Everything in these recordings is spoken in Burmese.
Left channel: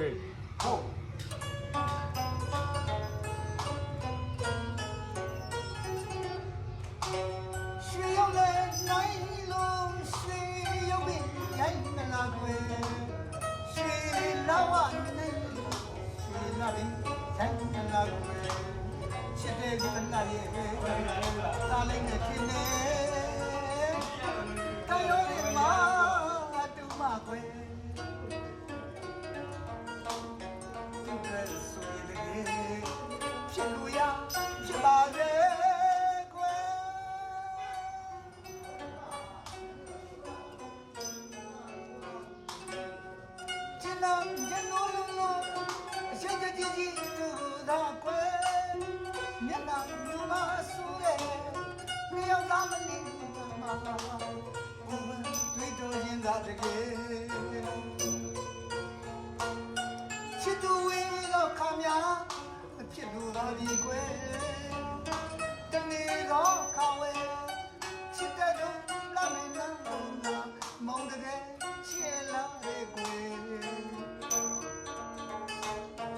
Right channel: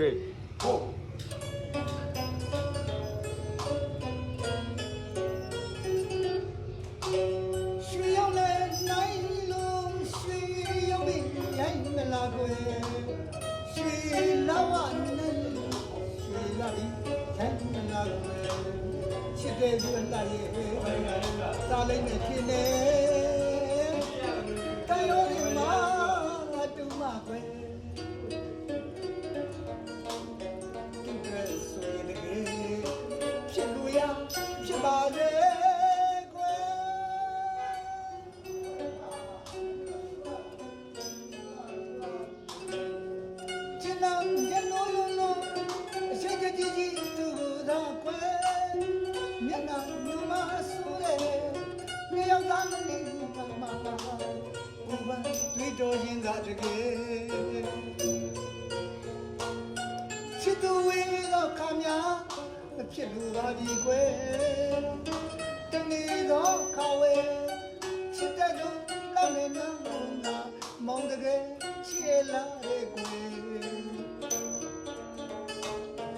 Okay. Oh. ရွှေရောက်လဲနိုင်လို့ရွှေရောက်ပြီရိုင်းမလားကွယ်ရွှေလာဝနဲ့ရွှေလာပြီရိုင်းမလားကွယ်ချစ်တဲ့သူအလိုက်ရဲ့တားလိုက်နဲ့ဖြစ်နေတန်ရောရင်မှာတူမကွယ်သူကဆိုရင်လည်းဖြစ်လို့ရဖြစ်ပါစေရနိုးနိုးအချိန်ကြီးကြီးသူသာကွယ်မျက်နှာညူမဆူရဲ့မြေရောက်သားမနေဘူးမှာဘုံတွေ့တော်ရင်ကတကယ်ချစ်သူဝေးတော့ခါများမဖြစ်လို့ပါပြီကွယ်တနေ့တော့ခါဝဲချစ်တဲ့သူလာနေနာမောင်တကယ်ချစ်လာတဲ့ကွယ်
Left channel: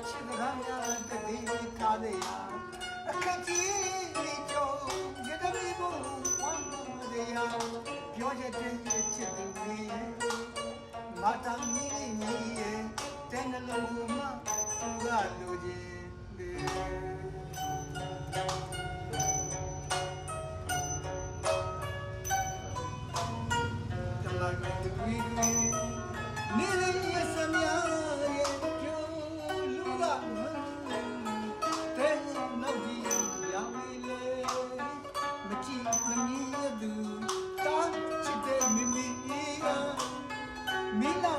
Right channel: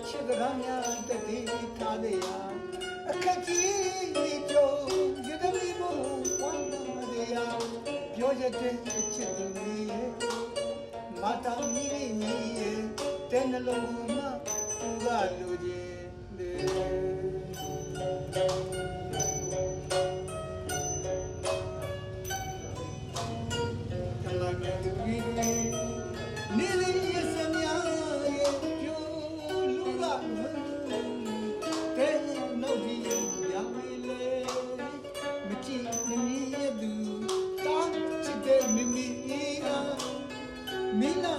ချစ်ကများတတိထားသေးရအခက်ကြီးကြုံရတဲ့လူဘဝမ်းရရပြောရတဲ့ချစ်သူရဲ့မတာမီနီရဲ့တဲ့နှလုံးမှာသူကလိုချင်မင်းလာ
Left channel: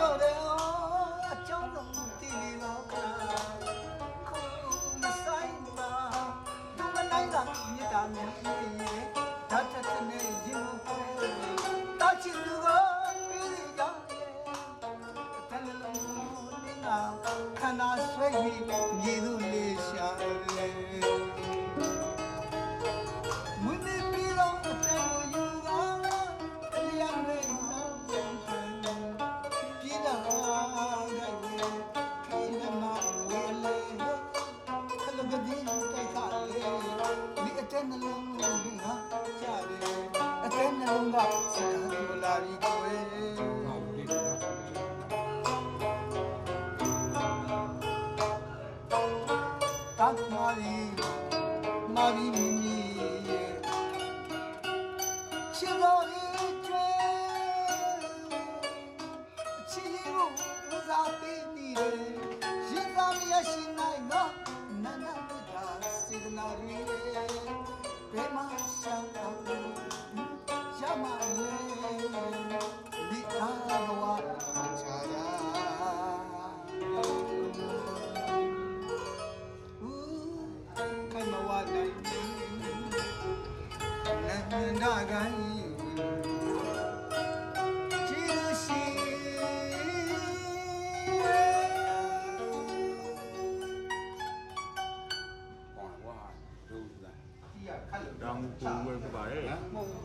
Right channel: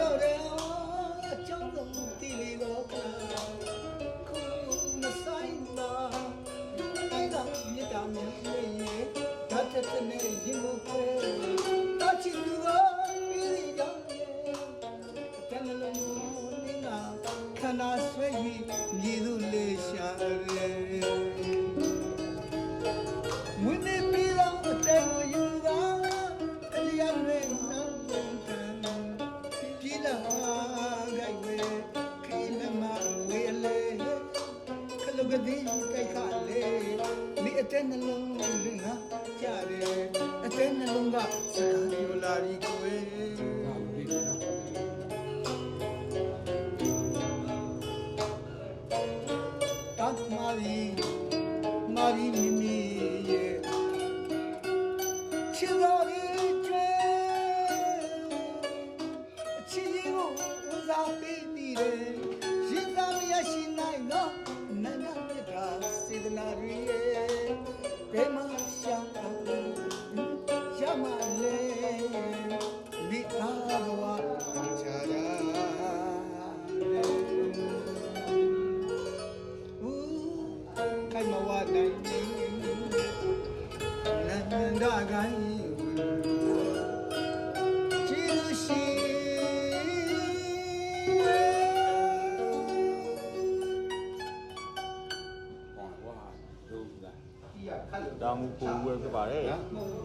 တော့တယ်အကြောင်းတော့ကြည့်ပြီးတော့ခါခုမဆိုင်ပါသူမနိုင်တာမြစ်တာနဲ့ဓာတ်တက်နဲ့ရင်ကိုတာချစ်သူကပြီးကြောင်းရဲ့တန်လုံးနေတာခန္ဓာဆွဲပြီးမြည်လို့လေးရှာလေမွေးနေပြီးတော့အတဲကိုယူတာတရားနဲ့ကတိတိုက်ခါလေဒီအတဲ့နှလုံးလုံးငါကြားတယ်အတဲ့နှလုံးကစကားပြောလာပြီးကိုယ်တတ်မာရီမိမိရဲ့ချစ်တော်ရဲ့ကျွဲအချစ်လေးကိုဦးစားပေးနေတယ်ရင်သားမရရှိနိုင်တော့နန္ဒမြတ်တာစေတနာရီဘယ်မှာရှောင်းအောင်ရမလဲဒီအားဘဝချာရာခိုင်မဝတိုင်းနန္ဒကိုင်းချီရှိတောင်ကိုဝယ်ပြပါတယ်